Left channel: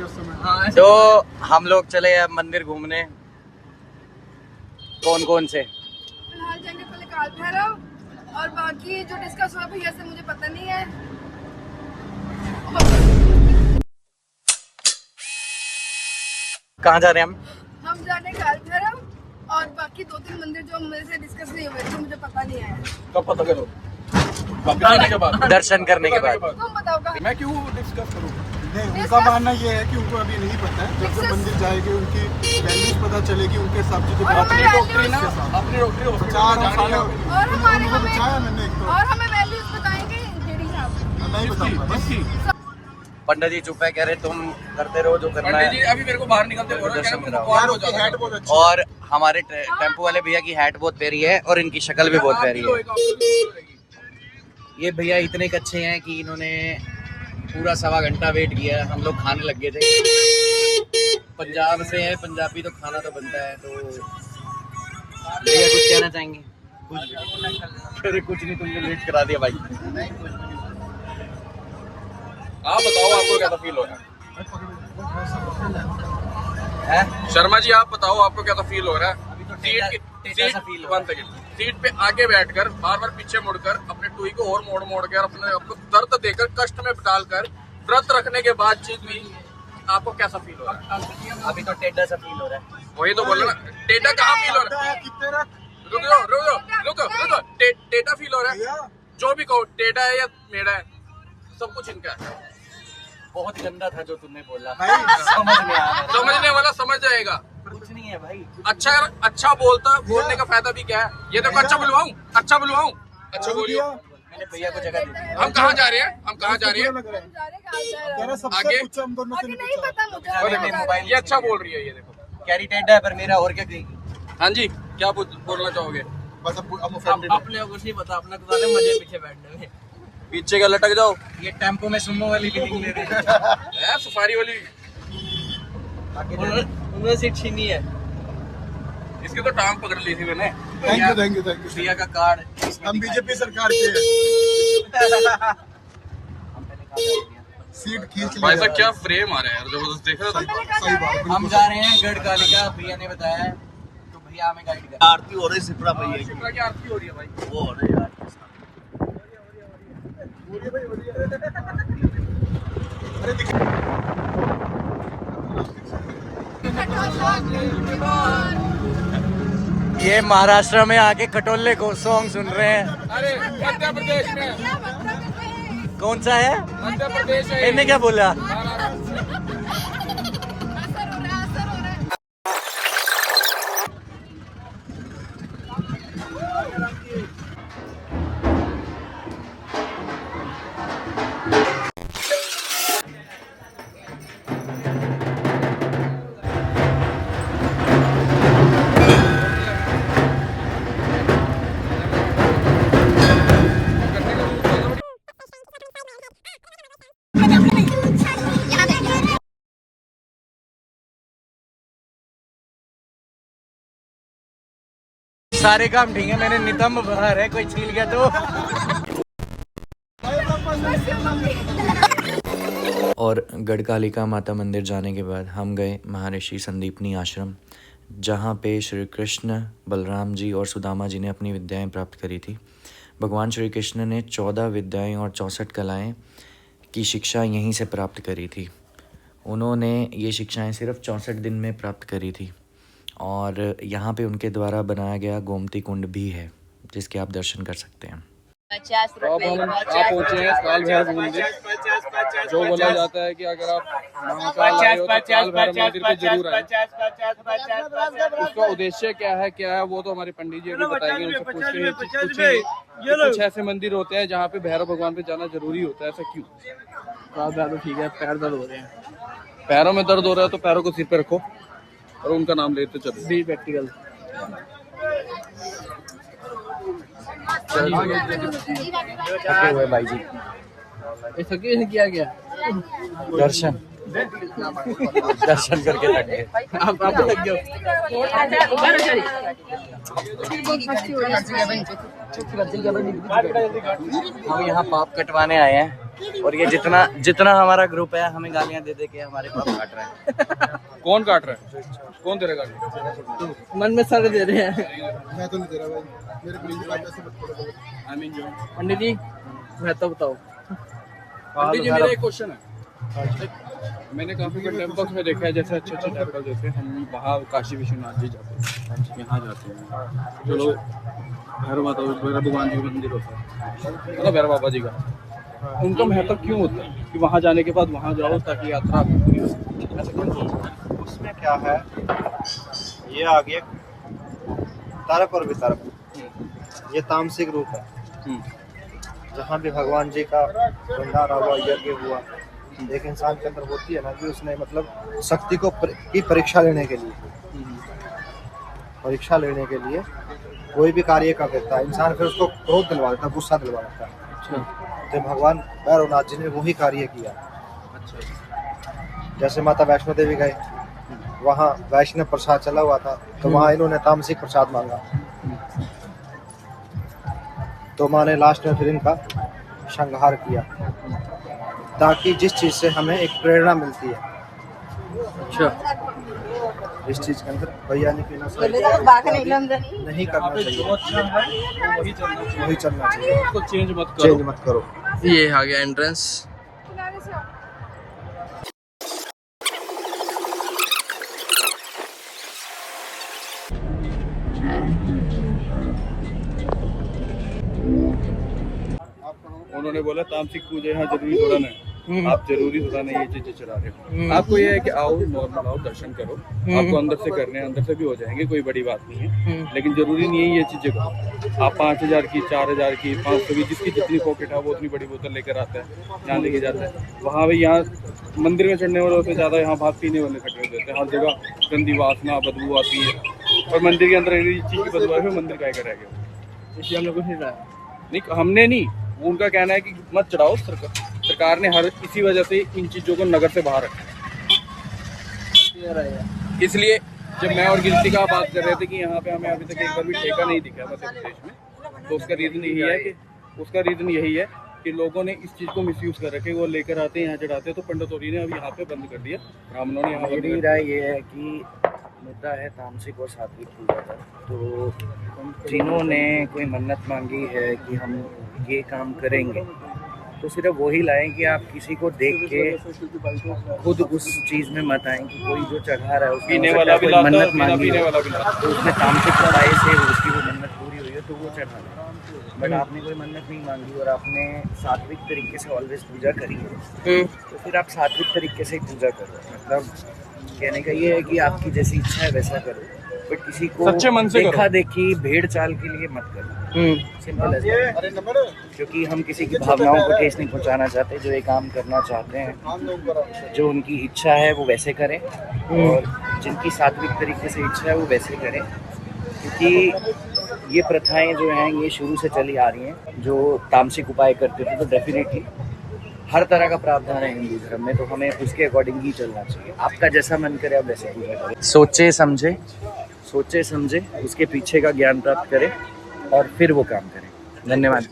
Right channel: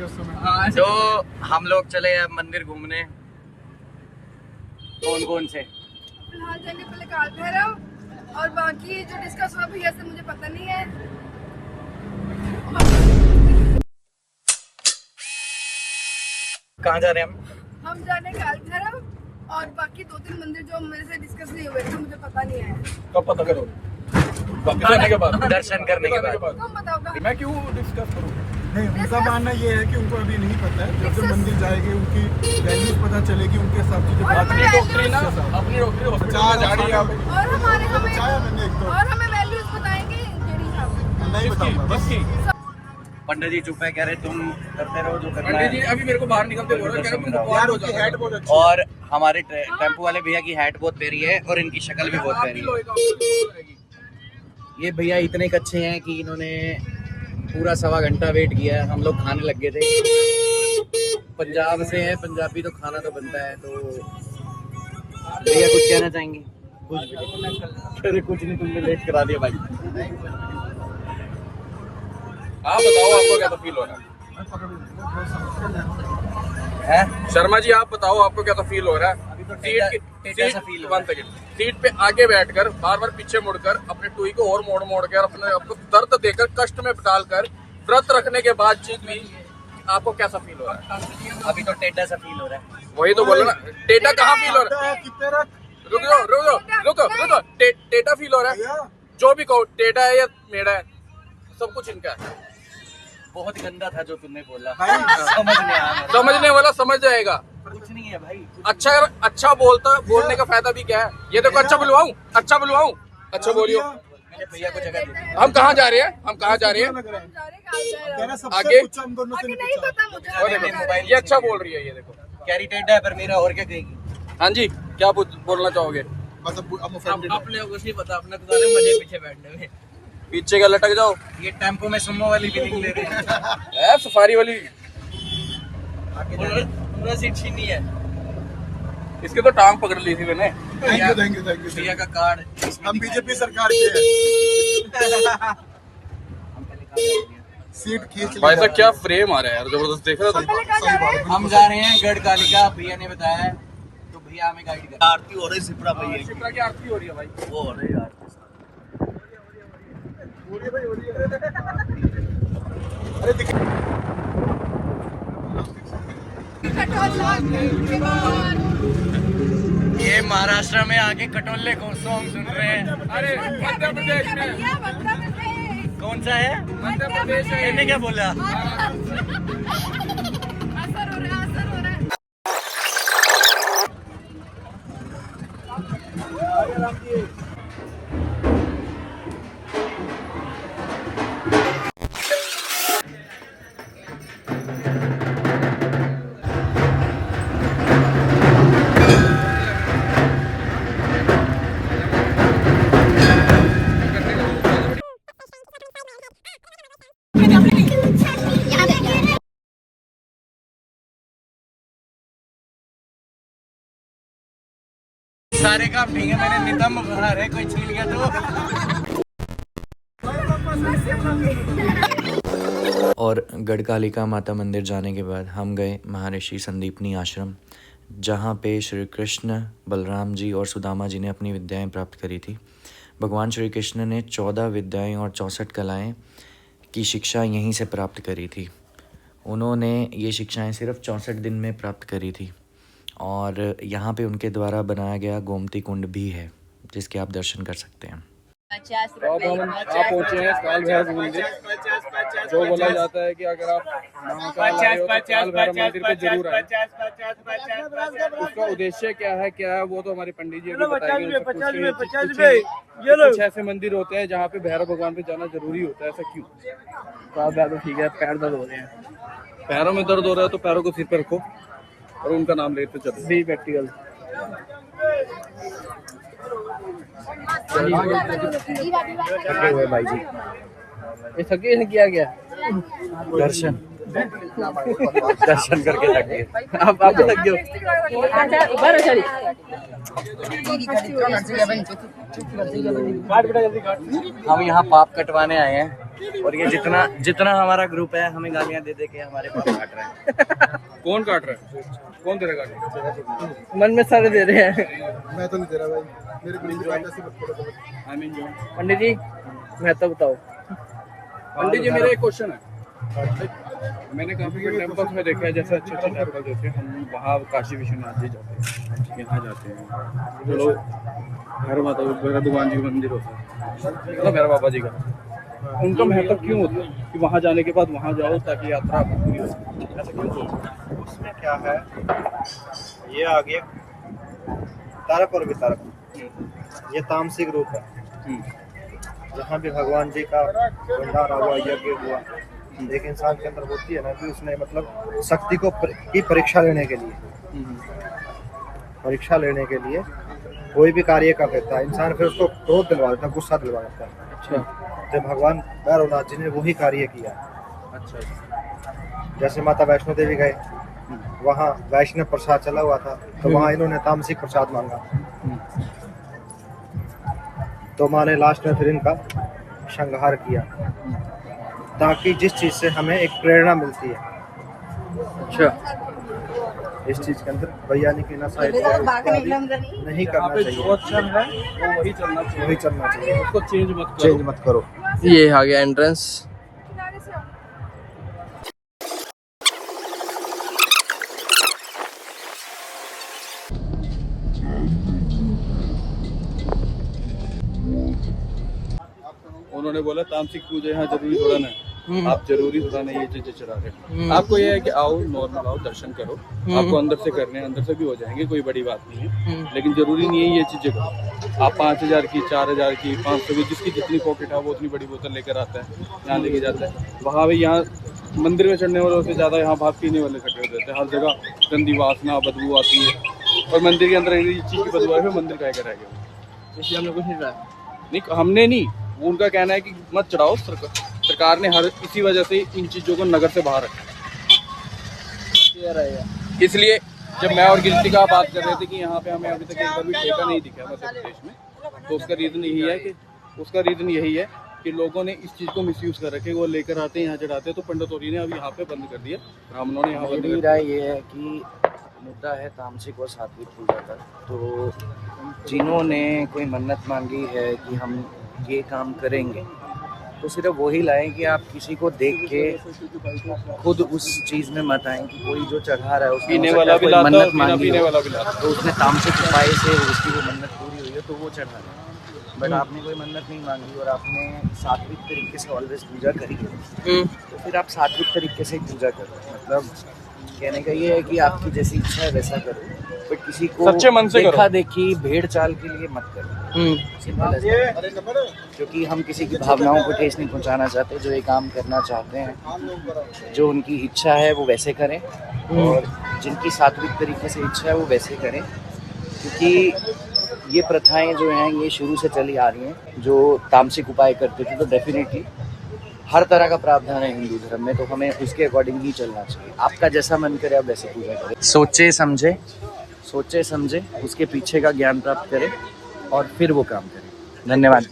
तो हम लोग चले अब मंदिर घूमने। कौन कौन से? फिलहाल जाएंगे पहले काल भैरव और बाकी जो डिस्कस हुआ भैया से मुझे पता नहीं है। कहाँ जा रहे हैं हम जा रहे हैं काल भैरव और बाकी 2-3 मंदिर जो मेरे से डिस्कस नहीं हुए थे मुझे पता नहीं है। कब पता करो? करने के बाद, दर्शन करने के बाद। तुम बताओ मैं क्यों डिस्कस करूँ? नहीं, उनका मानना ये है कि उनको अभी नहीं पता है। जब जब मंदिर जाएंगे उनकी वैल्यूज पता चलेगी, उनके हिसाब से अपनी डॉक्टरी हॉस्पिटल जा रही है और हमारे बचाया मैंने एक तो और हमें वैल्यूज बताएंगे जेडी साहब। नहीं बताऊंगा। पंडित जी चुप है, कह रहे तुम करते रहो जो करना है। अभी मेरे को बाहर निकलते बोल रहे हैं यार उनकी हैट बहुत अच्छी और हमारे टेम्पो वाले भैया की हैट बहुत प्यारी है और इनकी शक्ल भी बहुत प्यारी है। ये भैया इतने अच्छे हैं कि इन्होंने पूरा 1.25 घंटा वेट किया। हम लोग खाने लग गए थे। पंजाब से हैं, पंजाबी तो खाना तो बनता है। तो भैया कुछ कहना चाहेंगे? कुछ नहीं, तुमने लेट करा दिया भाई। आप बताओ, आपको क्या फील हो रहा है? शर्मा जी आप बताओ, आपको क्या फील हो रहा है? सीट पे आगे बैठकर बार बार पीछे मुड़कर अपने टुई को और मोड़ कर अपने दर्द देकर कष्ट में डालकर व्रत रखने के बाद भी आपको कैसा फील हो रहा है? अभी तो टेढ़ा सा फील हो रहा है। वही तो बोल रहा ना, टेढ़ा कहाँ फील हो रहा है? रुको, टेढ़ा फील हो रहा है? जो भी कहो, टेढ़ा है या मेढ़ा है, सब कुछ इनका है। बहुत गंदा था जो तुमने बोला। समझने वाला समझ जाएगा। कुछ नहीं है भाई। अच्छा बोलने का फायदा भी क्या है? ये देखो, अच्छा बुलवाऊं? अच्छा बोलियो। भैया को जगह दे। हम कहाँ जा रहे हैं? आगे हम दोनों से नहीं पता मुझे। और देखो, ये अच्छा बोल रही है। ये देखो, कैरी टेढ़ा है पर मेरा और क्या कहेगी। हाँ जी, क्या बोलना चाहोगे? बस अपने को कुछ नहीं पता, अपना तो सारे मजे पीछे बैठने में। पीछे का लटक जाओ। ये टेम्पो में सुमो वाली फीलिंग ले रही है। सफारी वाली उन्होंने सीट छीनी है। इसके तो टांग पकड़ ली थी मैंने। थैंक यू भैया का कार्ड हम बीजेपी सरकार के सीट खींच भाई साहब क्या फ्रेम आ रहा है यार, जबरदस्त देख रहे हो तुम? हम जा रहे हैं गढ़कालिका। भैया ने बताया तो भैया हमें गाइड कर। आरती हो रही सिपरा भैया शिप्रा की आरती हो रही है भाई। वो हो रही यार। ये महाराष्ट्र में आके खटोले को सॉन्ग सुन रहे हैं। अरे मध्य प्रदेश में। कौन सा है? मध्य प्रदेश है। इन्हें क्या बोला? सारे काम ठीक है, मैंने नितंब भरा है, कोई छीन गया तो। और गढ़कालिका माता मंदिर जाने के बाद हम गए महर्षि संदीपनी आश्रम, जहाँ पे श्री कृष्ण, बलराम जी और सुदामा जी ने अपनी विद्याएं प्राप्त करी थी। भगवान श्री कृष्ण ने 14 विद्याएं और 64 कलाएं की शिक्षा यहीं से प्राप्त करी थी। उन्होंने ये शिक्षाएं सिर्फ 64 दिन में प्राप्त करी थी। और यहाँ पे उनके द्वारा बनाया गया गोमती कुंड भी है, जिसके आप दर्शन कर सकते हैं। आप पहुँचे हैं काल भैरव मंदिर। जो बोला जाता है कि अगर आप महाकाल आए हो तो काल भैरव मंदिर पे जरूर आए। उसका उद्देश्य क्या है वो तो हमारे पंडित जी बताएंगे। कुछ ऐसे मंदिर होते हैं जहाँ पे भैरव भगवान पे जाना जरूरी होता है। ऐसा क्यों? काल भैरव ठीक है, पैर दर्द हो रहे हैं, पैरों में दर्द हो रहा है तो पैरों को सिर पे रखो और उनका नाम लेते चलो। Be practical. भाई जी ये सके हैं किया गया दर्शन करके थक गए। आप भी थक गए हम यहाँ पाप कटवाने आए हैं। और ये जितना जितना हमारा ग्रुप है हमें गालियां दे दे के हमारे पाप काट रहा है। कौन काट रहा है? कौन दे रहा है? मन में सारे दे रहे हैं। मैं तो नहीं दे रहा भाई, मेरे को नहीं ऐसे मत करो गलत। आई मीन जो पंडित जी मैं तो बताओ। पंडित जी, मेरा एक क्वेश्चन है। मैंने काफी टेम्पल्स में देखा है, जैसे अच्छे अच्छे टेम्पल जैसे हम वहाँ काशी विश्वनाथ जी जाते हैं, यहाँ जाते हैं, चलो भैरव माता भैरव भगवान जी का मंदिर होता है, मतलब भैरव बाबा जी का, उनका महत्व क्यों होता है कि वहाँ जाने के बाद वहाँ जाओ ताकि यात्रा आपकी पूरी हो? ऐसा क्यों होता है? इसमें क्या है, ये आगे तारक और वितारक, ये तामसिक रूप है। जहाँ भी भगवान जी का भंडारा हुआ, यज्ञ हुआ, एक इंसान के अंदर होती है ना कि उसने मतलब शक्ति को की परीक्षा लेने के लिए कोई भी कार्य कर देता है इंसान, फिर उसको क्रोध दिलवा देता है, गुस्सा दिलवा देता है। अच्छा तो भगवान भैरवनाथ जी ने वही कार्य किया। अच्छा जैसे माता वैष्णो देवी गए, वहाँ वैष्णव प्रसाद चला हुआ था, तो वहाँ इन्होंने तामसिक प्रसाद मांगा, तो माँ ने लास्ट में फिर इनका संहार किया, ताकि जिस चीज से हमें एक प्रेरणा मिलती है, अच्छा, इस चीज के अंदर वैज्ञानिक नहीं करना जो चाहिए, अच्छा है वो वही चलना चाहिए, वही चलना चाहिए, उसको चेंज मत करो। चेंज मत करो। ये आ गया एंट्रेंस। उन्होंने बोला तामसिक पूजा यहाँ जरूरी थोड़ा ना है, आप जरूरी थोड़ा नहीं ये चीजें चला रहे हो। आपको ये है कि आओ नॉर्मल आओ, दर्शन करो, आपको अंदर से करने हैं, अंदर से भी हो जाएंगे, कोई बड़ी बात नहीं है, लेकिन जरूरी नहीं है ये चीजें करो। आप 5000 की, 4000 की, 500 की, जिसकी जितनी पॉकेट है वो उतनी बड़ी बोतल लेकर आता है, यहाँ लेके जाता है। वहाँ भी यहाँ मंदिर में चढ़ने वाले होते ज्यादा, यहाँ भाग पीने वाले इकट्ठे हो जाते हैं, हर जगह गंदी वासना बदबू आती है, और मंदिर के अंदर इस चीज की बदबू है, मंदिर का रह गया। इसलिए हमने कुछ नहीं लाया। नहीं, हमने नहीं, वो उनका कहना है कि मत चढ़ाओ, सरकार ने हर इसी वजह से इन चीज़ों को नगर से बाहर रखा। इसलिए जब मैं और गिनती का बात कर रहे थे कि यहाँ पे हमें अभी तक एक बार भी ठेका नहीं दिखा मध्य प्रदेश में, तो उसका रीज़न यही है कि लोगों ने इस चीज़ को मिसयूज़ कर रखे, वो लेकर आते हैं यहाँ चढ़ाते हैं, तो पंडितोरी ने अब यहाँ पे बंद कर दिया, ब्राह्मणों ने यहाँ बंद कर मेरी दिया। राय ये है कि मुद्दा है तामसिक और सात्विक पूजा का, तो जिन्होंने कोई मन्नत मांगी है कि हम ये काम करेंगे, तो सिर्फ वही लाएं कि आप किसी को देख के खुद उस चीज़ में मत आएं कि कोई जो चढ़ा रहा है उसने पीने हो सकता वाला है भी कोई लाता मन्नत है, मांगी पीने हो, वाला भी लाता है। तो उसमें तामसिक उपाय से उसकी वो मन्नत पूरी हुई है तो वो चढ़ा है। बट आपने कोई मन्नत नहीं मांगी और आपने सात्विक तरीके से ऑलवेज पूजा करी है, तो फिर आप सात्विक तरीके से ही पूजा करो। मतलब कहने का ये है कि आपकी जैसी इच्छा है वैसा करो, बट किसी को सच्चे मन से देखा देखी भेड़ चाल के लिए मत करो। Simple as that. क्योंकि हम किसी की भावनाओं को ठेस नहीं पहुंचाना चाहते, जो ये काम करना चाहते हैं, जो उनकी इच्छा है वो वैसे करें, और जिनकी सात्विक तरीके से इच्छा है वो वैसे करें। क्योंकि ये प्रथाएं जो हैं ये शुरू से चली आ रही हैं। जो तामसिक उपाय करते थे तो डेफिनेटली हर तरह का प्रावधान है हिंदू धर्म में, तो हमें उसके अकॉर्डिंग ही चलना चाहिए। आपका जैसा मन करे आप वैसे पूजा करें, सोचे समझे उसके पीछे का ज्ञान प्राप्त करें और फिर वो काम करें। धन्यवाद।